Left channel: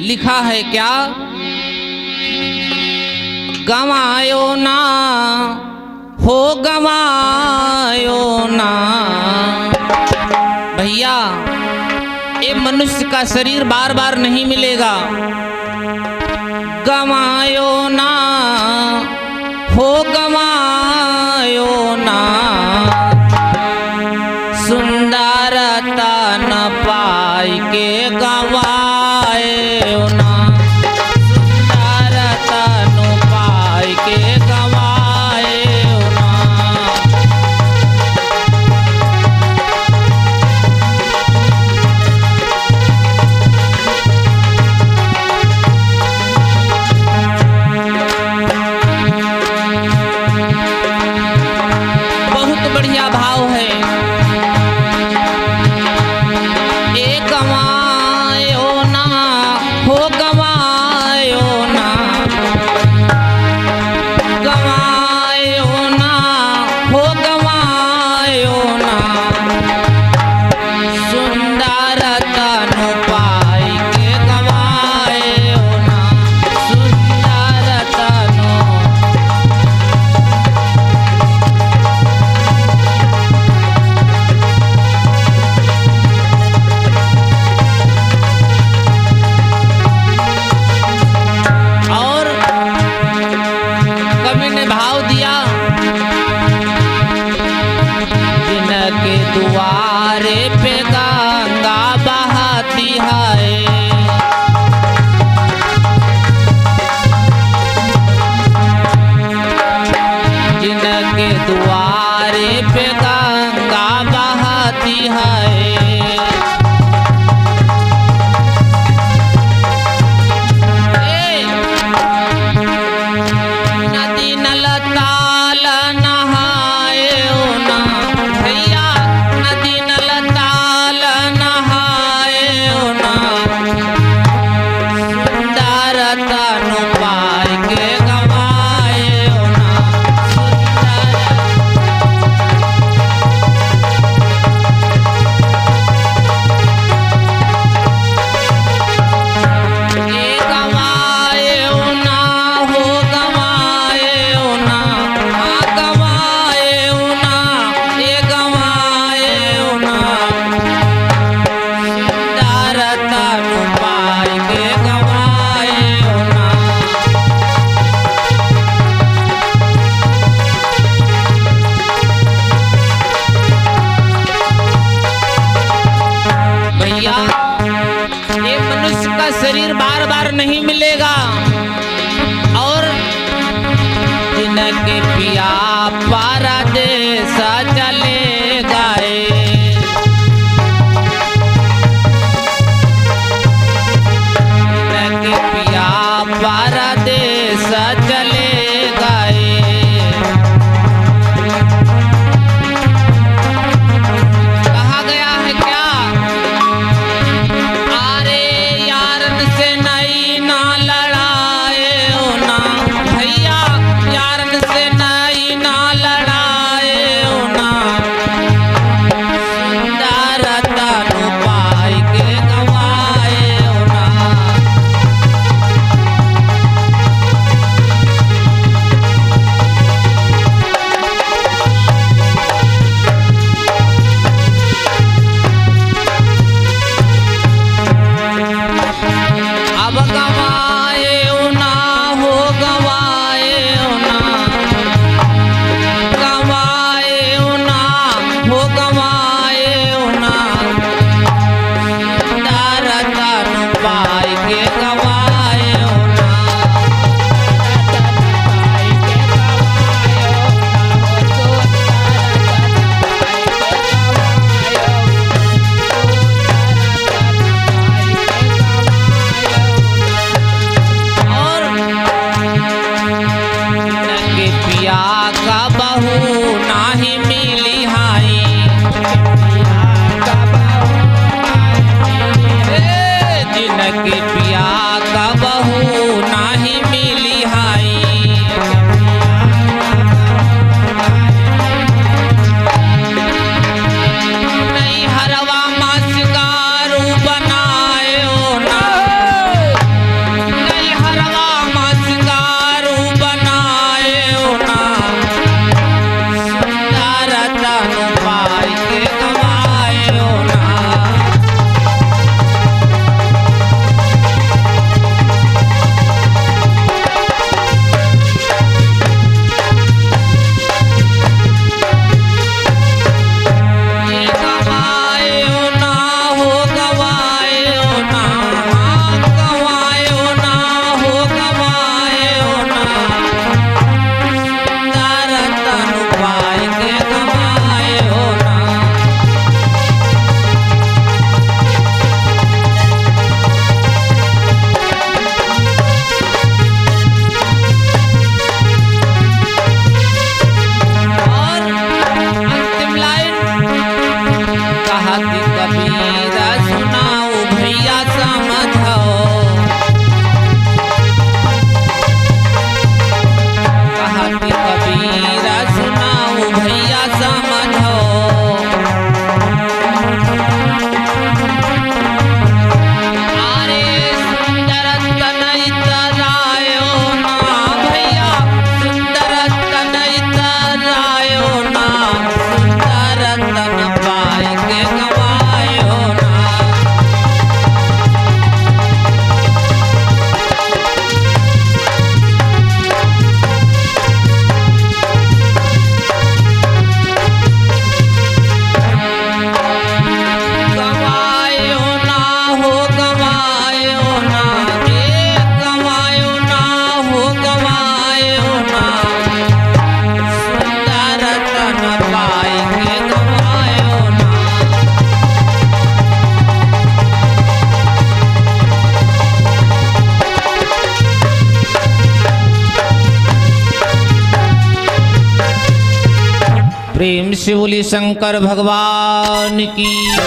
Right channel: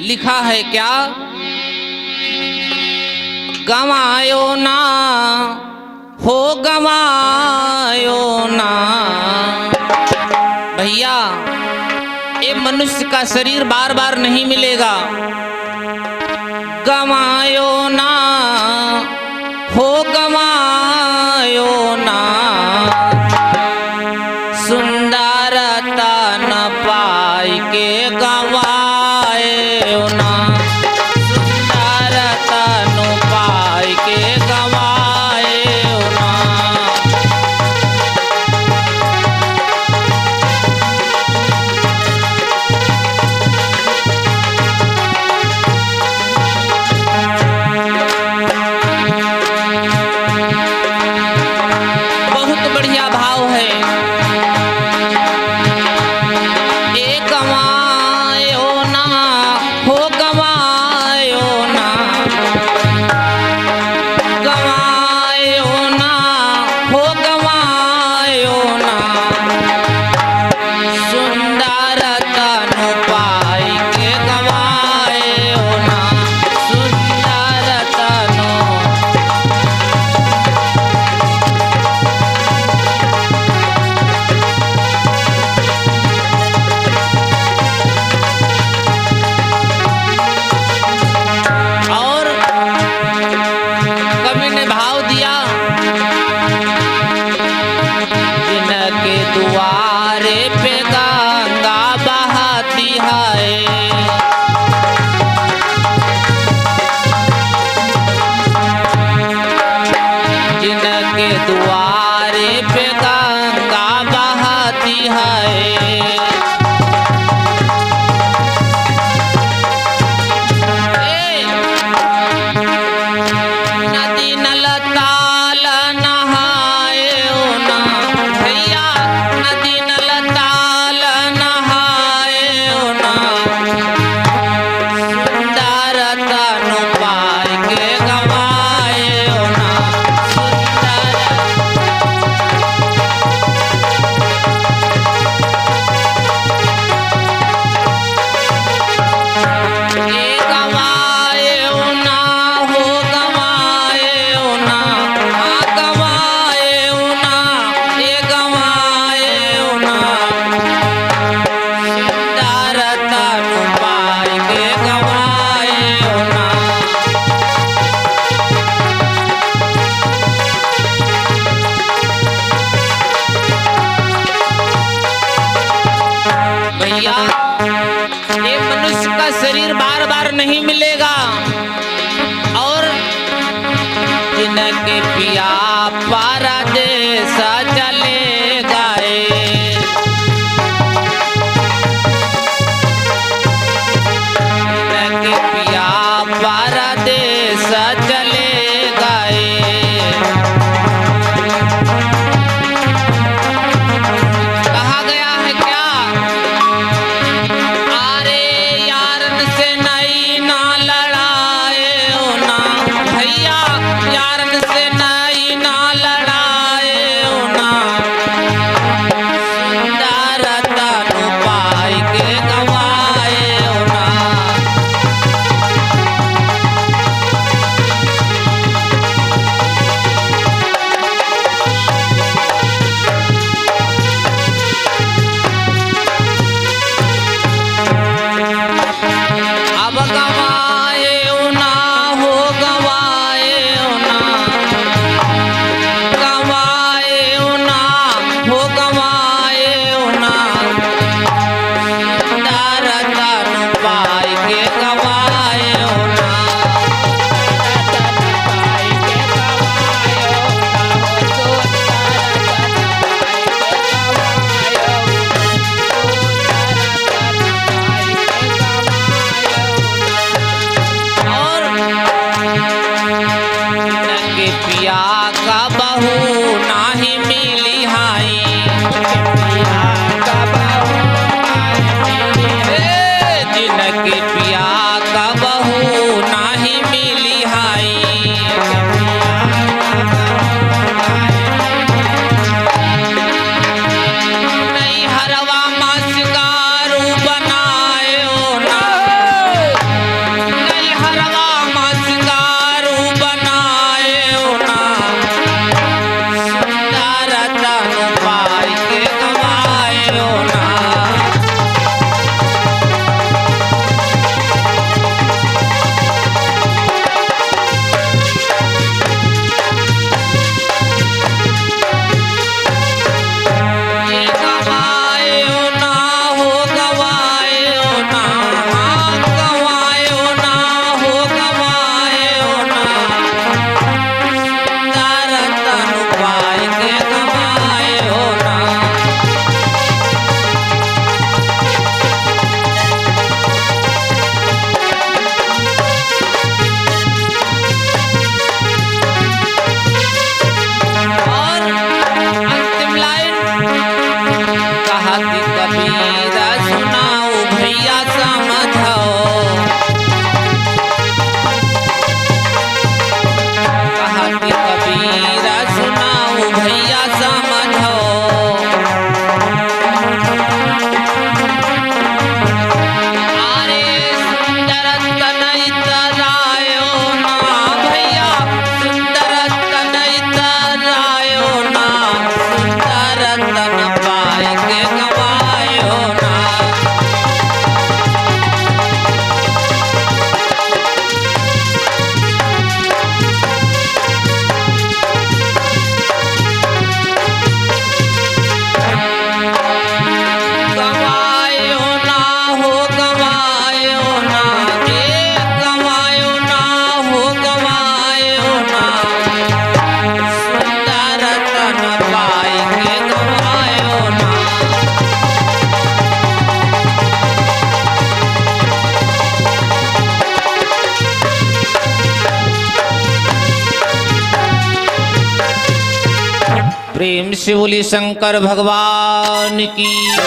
लिखा है क्या, गवायो ना हो गवायो ना। भैया ये मनुष्य का शरीर बार बार नहीं मिलेगा, गवायो ना हो गवायो ना। सुंदरता न पाई के गवायो ना, सुंदरता न पाई के गवायो ना। बहुत बढ़िया भाव है, द्वारे पे गंगा बहती है। जिनके द्वारे पे गंगा बहती है। नदी नल ताल नहाए ना भैया, नदी नल ताल नहाए ना। सुंदरता न पाई के गवाए ना, ये मनुष्य का शरीर बार बार नहीं मिलेगा। और जिनके पिया परदेस चले गए, जिनके पिया परदेस चले गए। कहा गया है क्या, जिनके पिया का बहू नहीं मिली हाई। नहीं हरवा मासिकारू बनाए ना, प्रेम से बोली शंकर भगवान की।